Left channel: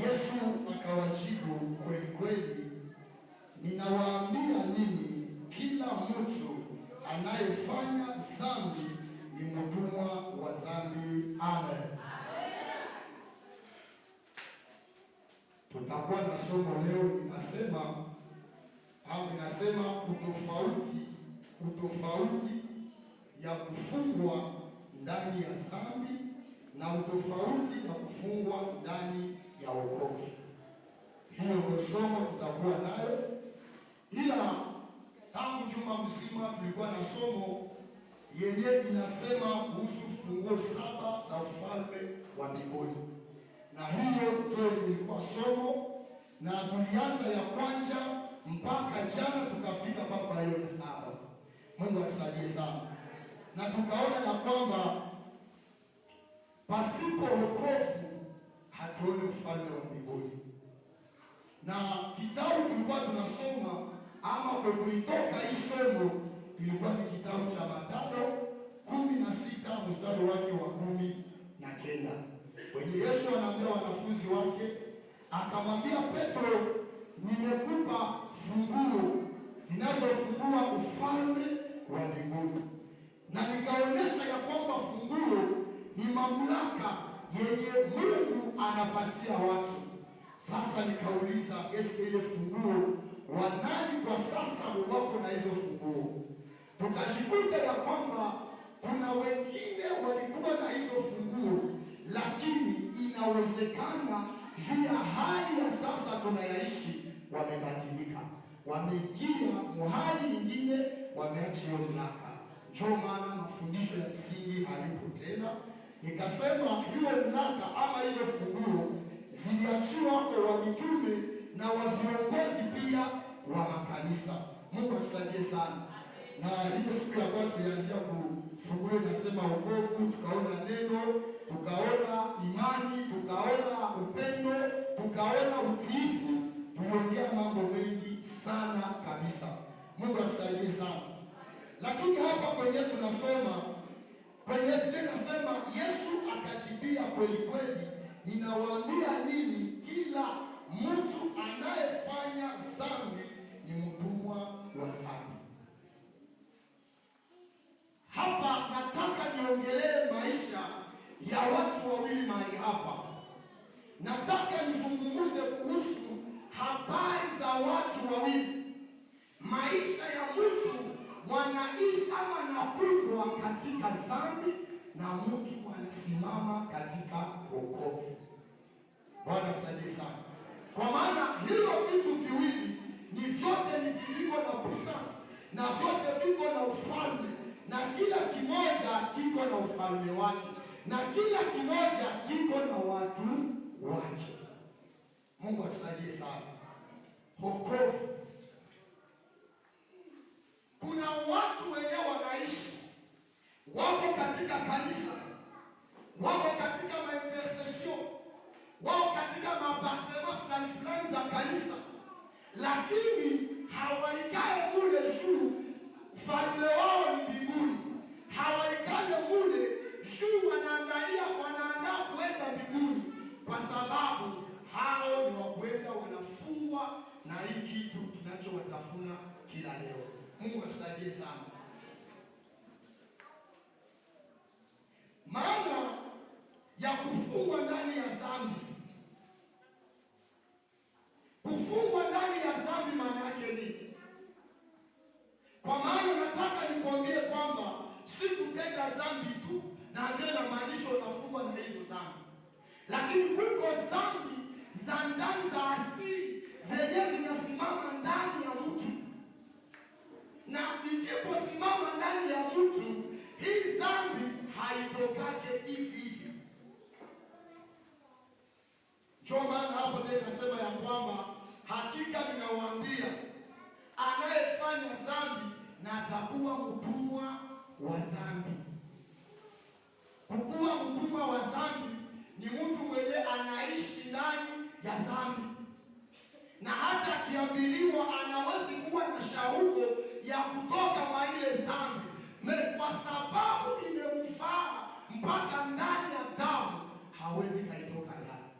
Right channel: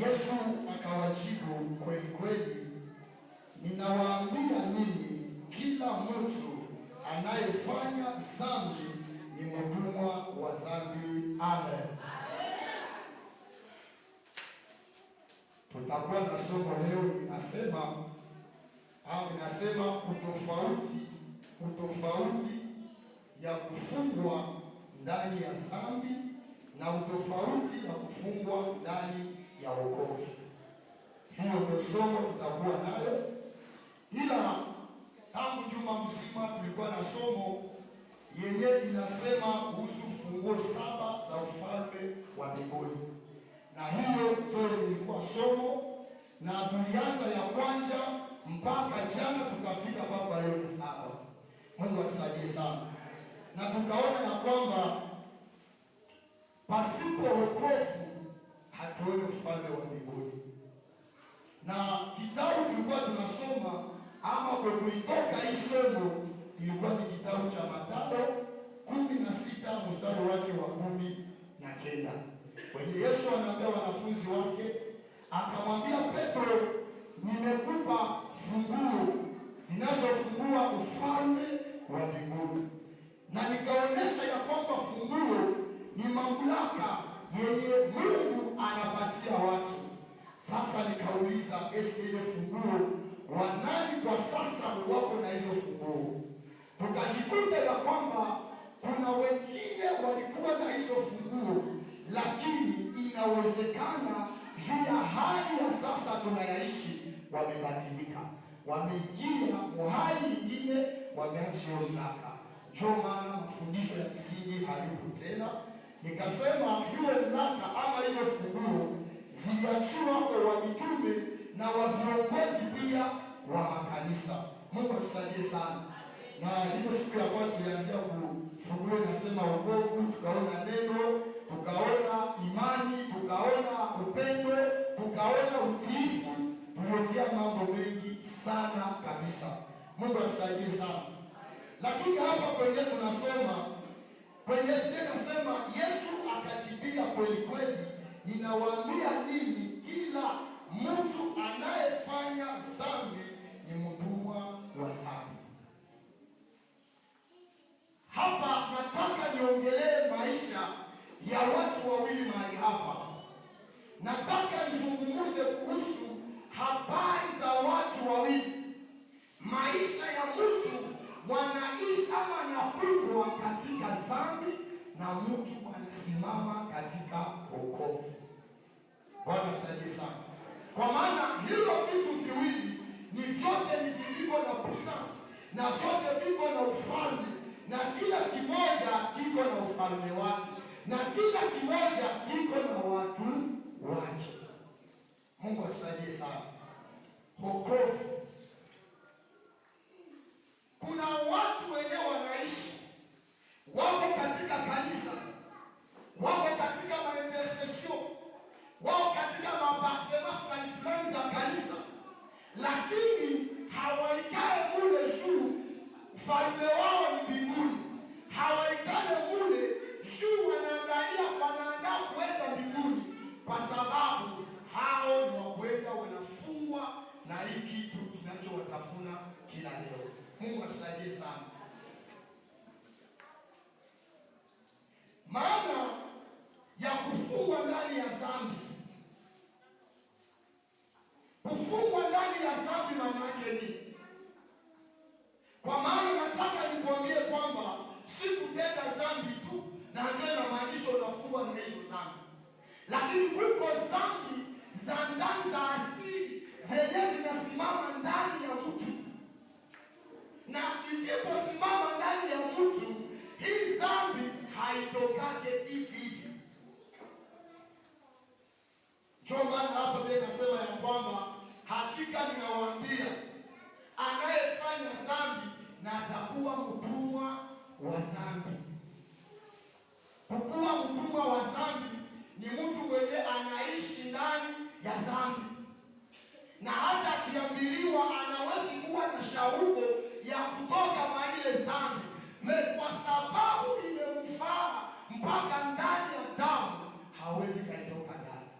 Yesu akawajibu, kweli kweli ninawaambia ninyi, kila mtu anayefanya dhambi ni mtumwa wa dhambi. Amen. Tutakuwa na somo leo inasema utofauti ya kufungwa ndani ya dhambi na utofauti ya kufungwa ndani ya wokovu. Hiyo ndio somo tutakuwa nayo, ila tangu juma mzima tulikuwa na somo yenye inasema kuhusu funguo 7 za ufalme wa mbinguni, na hiyo ndio ilikuwa somo, na tulianza ya kwanza mpaka jana tukafika mpaka leo ya 7. Mungu atusaidie sana. Na tukaona ya kwamba pasipo wokovu hatuoni ufalme wa mbinguni. Na kitabu tulikuwa tunasoma ama kwa kulitoka hii somo ilikuwa ni kitabu cha Mathayo 16 mstari wake wa 19. Kwenye Yesu anaambia wanafunzi wake, akamwambia Petro, nimekupa funguo zinazofungua ufalme wa mbinguni. Na nikaonyesha ya kwamba funguo ni mamlaka yenye Mungu anapatia watu. Sasa nikauliza, ile funguo wanani kwa sasa wako na hizo funguo? Tukajikuta ya kwamba kuna wengine walikuwa na hizo funguo, lakini inawezekana juu ya hali ya sasa tunayaishi wamebadilika, wameingia mahali nyingine, wameacha hiyo mamlaka. Ndio maana mafundisho ya msingi halipo tena. Nikasema hiyo mamlaka ama hiyo funguo ziliachiwa kwa wamitume na viongozi pia wa makanisa. Mungu atusaidie sana. Na hiyo siku ya kwanza tulianzia funguo inasema wokovu, tukaona neno, tukaona imani, tukaona upendo, tukaona utiifu, tuliongea mambo mengi sana kabisa. Mungu atusaidie sana. Lakini hapa kwenye tunasoma kwenye tunasema Yesu akajibia, kweli kweli ninawaambia ninyi, kila mtu anayefanya dhambi ni mtumwa wa dhambi. Hapa nataka niongelee maisha ya watu wawili mahali hapa. Nataka nizungumze kuhusu habari za watu wawili, maisha ya mtu wanaishi ama anakubwa katika dhambi na mtu anasimama katika wokovu. Bwana tusaidie sana. Kwa maana hilo vitu viwili ni vyote ni viliko na puissance, na vyote viko na ufalme, na kila kimoja kiko na ufalme wake, na kila kimoja kiko na watu wake. Mungu atusaidie sana. Wokovu. Kuna watu wenyewe wanaishi, wako katika kanisa, wako katika maintercession, wako katika mapartema fulani za kanisa, lakini hawaikae mule juu. Ufalme wao ni mbinguni. Hawaikae mule juu, wanaandaa kuenda mbinguni, kwa sababu hao ni wakwenda wanafungwa na hii kitu kinachowatafuna kila leo. Mungu atusaidie sana. Maana ya kufungwa ndani ya dhambi. Kufungwa ndani ya dhambi maana yake nini? Kwa maana nataka nikwambie kwamba si kutenda dhambi tu na ndio inamaanisha unafungwa na hizo dhambi, lakini kuko dhambi za ndani za asili zenye zinasimama ndani ya mtu, na ikiposimama ndani ya mtu, hii dhambi haitokake hivi. Ndio maana hapo ndio nasema ya kwamba hakika ninawaambia, anayefanya dhambi na atakuwa mtumwa wa dhambi. Kukuwa mtumwa wa dhambi ni mtu mwenye anaishi ndani ya dhambi, na hata akiambiliwa anawezi kuwa na shauku ya kutoka kwa ile dhambi, kwa sababu imemfaa mpaka ndani ya damu, hawezi kaitoka ndani.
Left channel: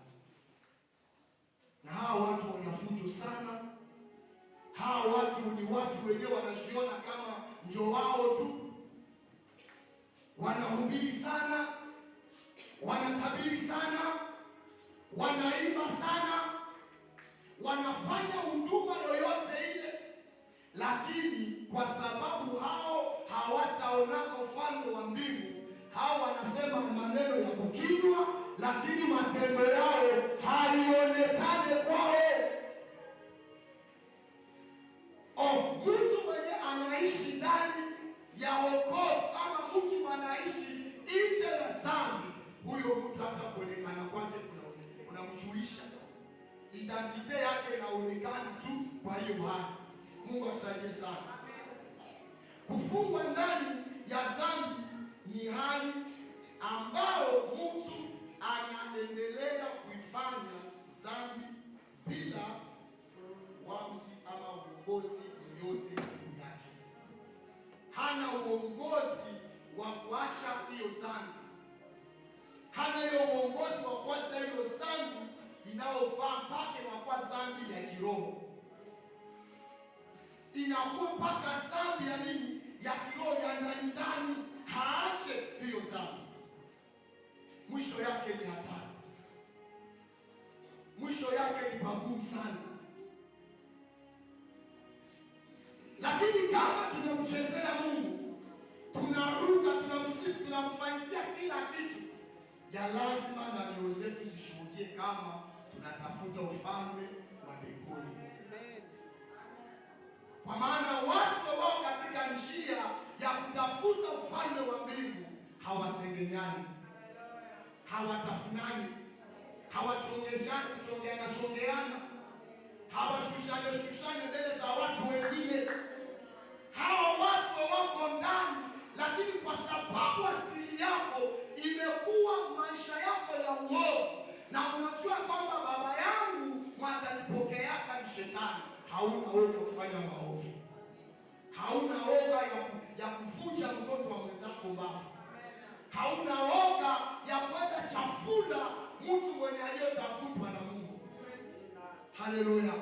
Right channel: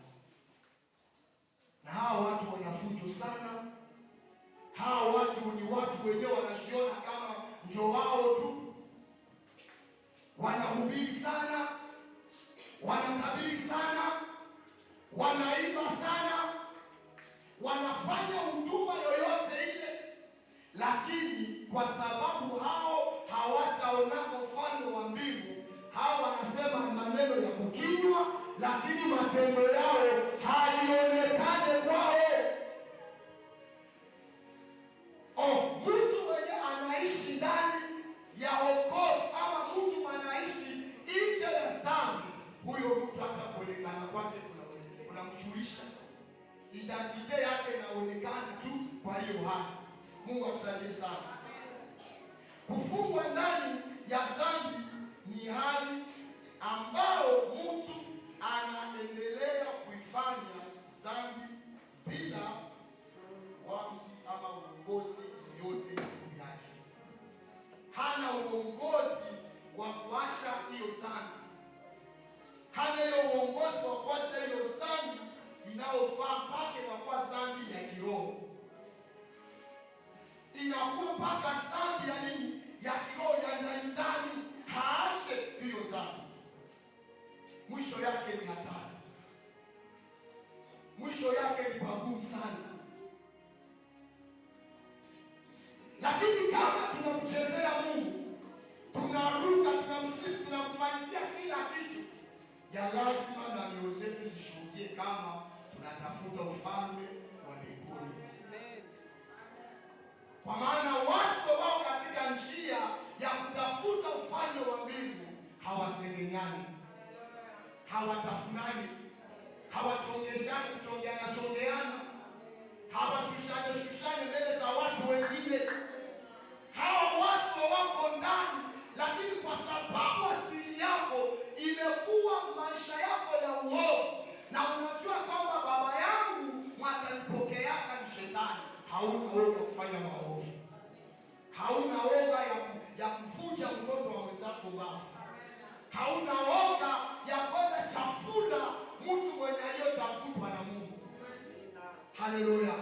watu wenyewe wanajiona kama ndio wao tu, wanahubiri sana, wanatabiri sana, wanaimba sana, wanafanya huduma yoyote ile, lakini kwa sababu hao hawataonana ufalme wa mbingu, hao wanasema maneno ya kinywa, lakini matendo yao haionekane kwao. Mtu mwenye anaishi ndani ya wokovu ama mtu anaishi nje ya dhambi, huyo mtu hata kuonekana kwake unamchulisha, identite yake inaonekana tu. Kwa hiyo hali Mungu atusaidie sana. Kufungwa ndani ya dhambi ni hali ambao mtu anaendelea kuifanya dhambi bila uamuzi ama uongozi yoyote juu yake. Hana uongozi wa kuacha hiyo dhambi, hana hiyo uongozi wa kuacha hiyo dhambi inayofaa mpaka inakuwa dhambi ya kiroho, inakuwa mpaka dhambi ya nini? Ya kiroho, ya ndani. Haache hiyo dhambi, mwisho yake ni hatari, mwisho yake ni pagumu sana. Lakini kama tunamchezea Mungu, tunaruka, tunamsifu, tunamfanyia kila kitu, ya lazima na mioyo zetu zishuhudie kama tunatafuta ufalme wa mbinguni. Kwa maana watu wao katika njia ya kutafuta ufalme wa mbingu hawasengenyani, hawatafunani, hawachongeshani, kuchongeana, hawashushane mbele za watu wengine. Hawa watu wako ndani, lakini kwa sababu asili yako imekuwa maisha yako ya uovu, na unajua kwamba baba yangu mwatanipokeaka ni shetani, hauna uoga kufanya maovu, hauna oga ya kuvunja mtoto wa mwenzako mbavu, hauna oga ya kwenda chafula mtu mwenye aliyotafutwa na Mungu. Haleluya!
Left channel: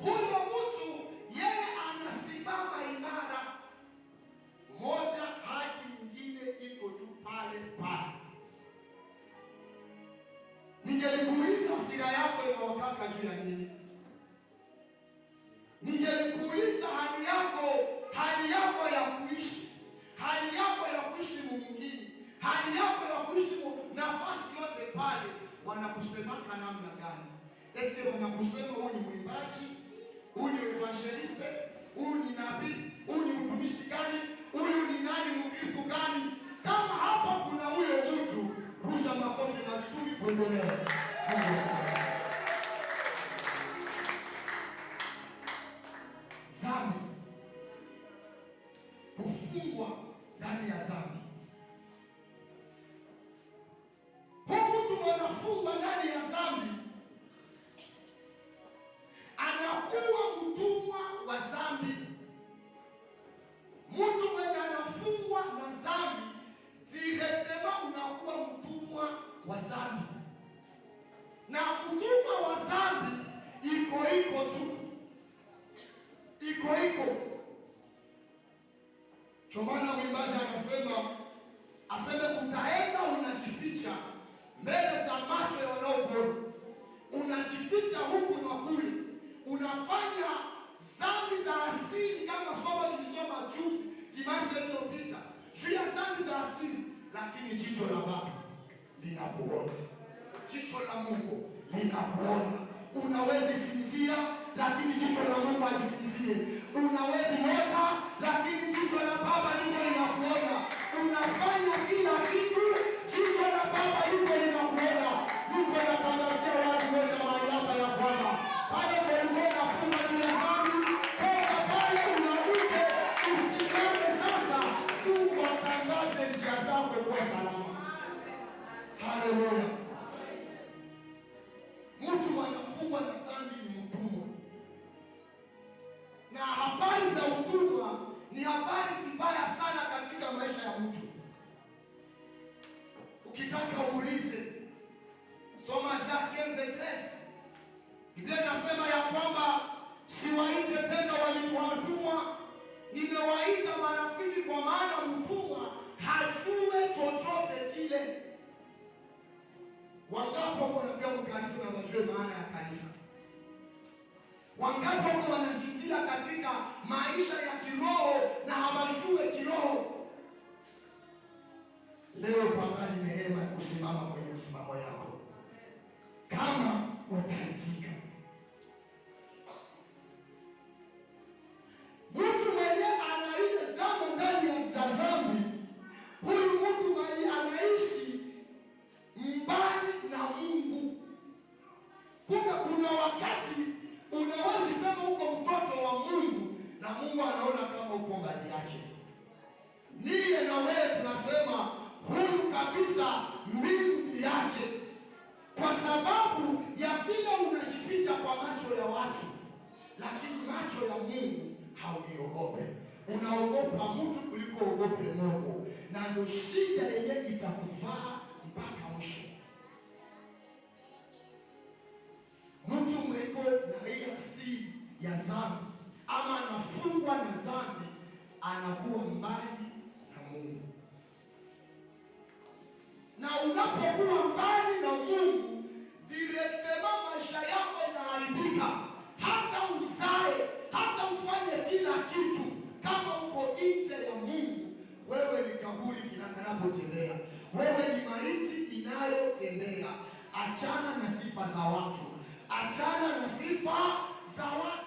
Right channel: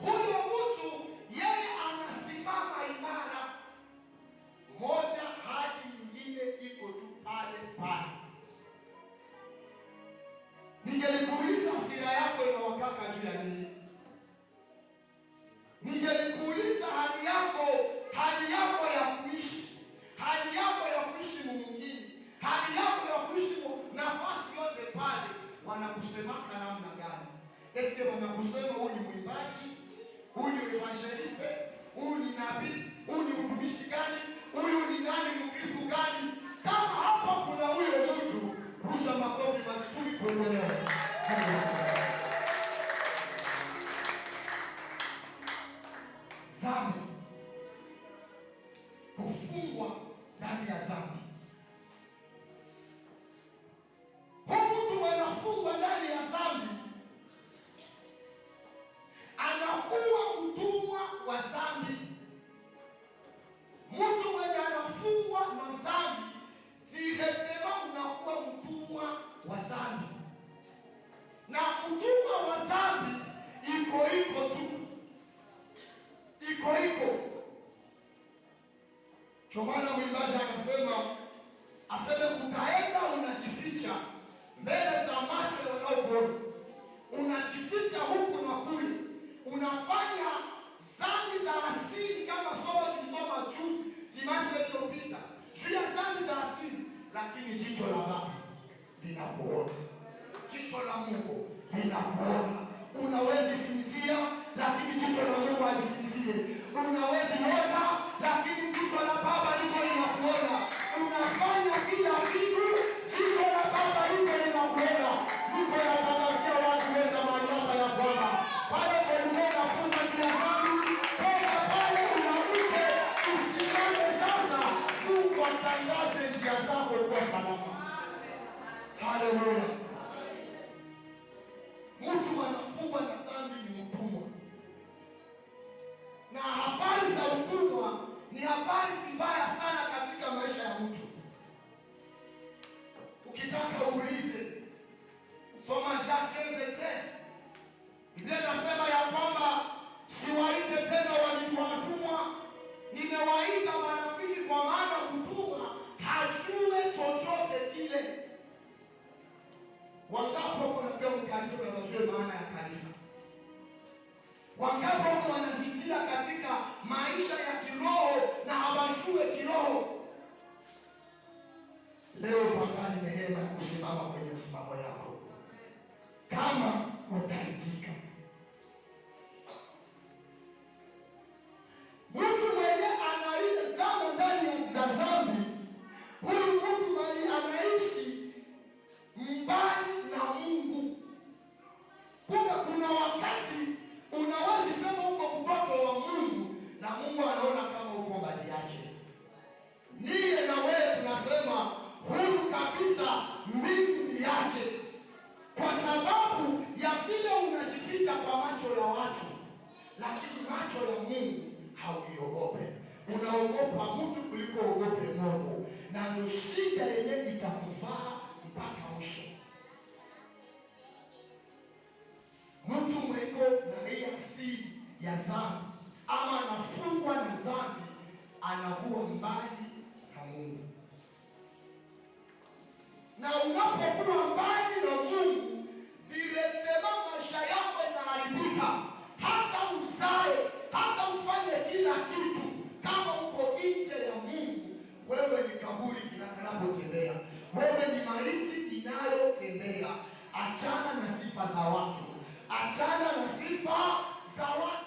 Huyo mtu yeye anasimama imara, moja hadi nyingine iko tu pale pale. Ningelikuuliza hasira yako inawakaka juu ya nini? Ningelikuuliza hali yako ya kuishi, hali yako ya kuishi mwingine, hali yako ya kuishi nafasi yote pale, wanakusemaka namna gani? Eske wanakusema huyu ni mwimbaji, huyu ni evangeliste, huyu ni nabii, huyu ni mtumishi gani, huyu ni nani, Mkristo gani? Kama hapa kuna huyo mtu, rusha makofi mazuri kuendelea. Dhambi, kufungwa ndani ya dhambi. Huyu mtu anafungwa ndani ya dhambi, anakuwa mtumwa wa dhambi. Mtu mwenye anafungwa na dhambi, direktema unakuwa mtumwa wa dhambi. Na mtumwa wa dhambi iko tu, iko. Chomana mwimbaji aseme kutaenda unajificha mbele za macho ya wanaokuona, unajificha huku na kule, unafanya dhambi za asili kama somo tulisoma juzi dimashe iliyopita juu ya dhambi za asili, lakini jicho la Baba linakuona, jicho la Mungu linakuona. Unawezi sinzia, lakini jicho la Mungu halisinzie. Unawezi ota, lakini jicho la Baba liko linakuona. Unafanya kila kitu, jicho la Baba liko linakuona. Mungu anatangazia watu wote mamlaka ya Bwana. Pale kwa unafunga kila dhambi, toka pale unaruke, usimame sasa. Mungu atangaze njia zako kwa salama. Haleluya. Mtu anafungwa na dhambi ni mtumwa. Na habari za utumwa ni habari zibaya sana katika maisha ya mtu. Wangapi wako wanakuja kanisa na wajue maana ya kanisa? Wangapi wako wanajitia katika maisha ya kiroho na hawajue kiroho? Leo pangani neema ya kusimama kwenye msimamo yako kama utaitika. Mtu mwenye anazama ndani ya dhambi, huyu mtu mwenye anaishi mbali na Mungu. Kumbe kuna wakati unaweza sema uko mtoto wa Mungu na Mungu anaona kama uko mbali yake. Niye na wewe tunasema huyu kabisa mbingu yake, kwa sababu ya vile unajificha kwa macho ya watu, lakini macho ya Mungu hauniogope. Unaogopa mtu kuliko uogope Mungu, na ndio shida yenyewe itakuvaa mpaka mwisho. Mtu mweko na hii asili ya dhambi ama anafungwa na dhambi, anakuwa mbali na Mungu. Na unapokuwa mbali na Mungu, direktema maisha yako inaharibika. Hata uzae, hata ufanye kila kitu, kama uko nje ya Mungu, wewe ni kaburi kinapotembea, wewe ni maiti inayotembea. Achana na sifa za watu, achana na sifa za watu.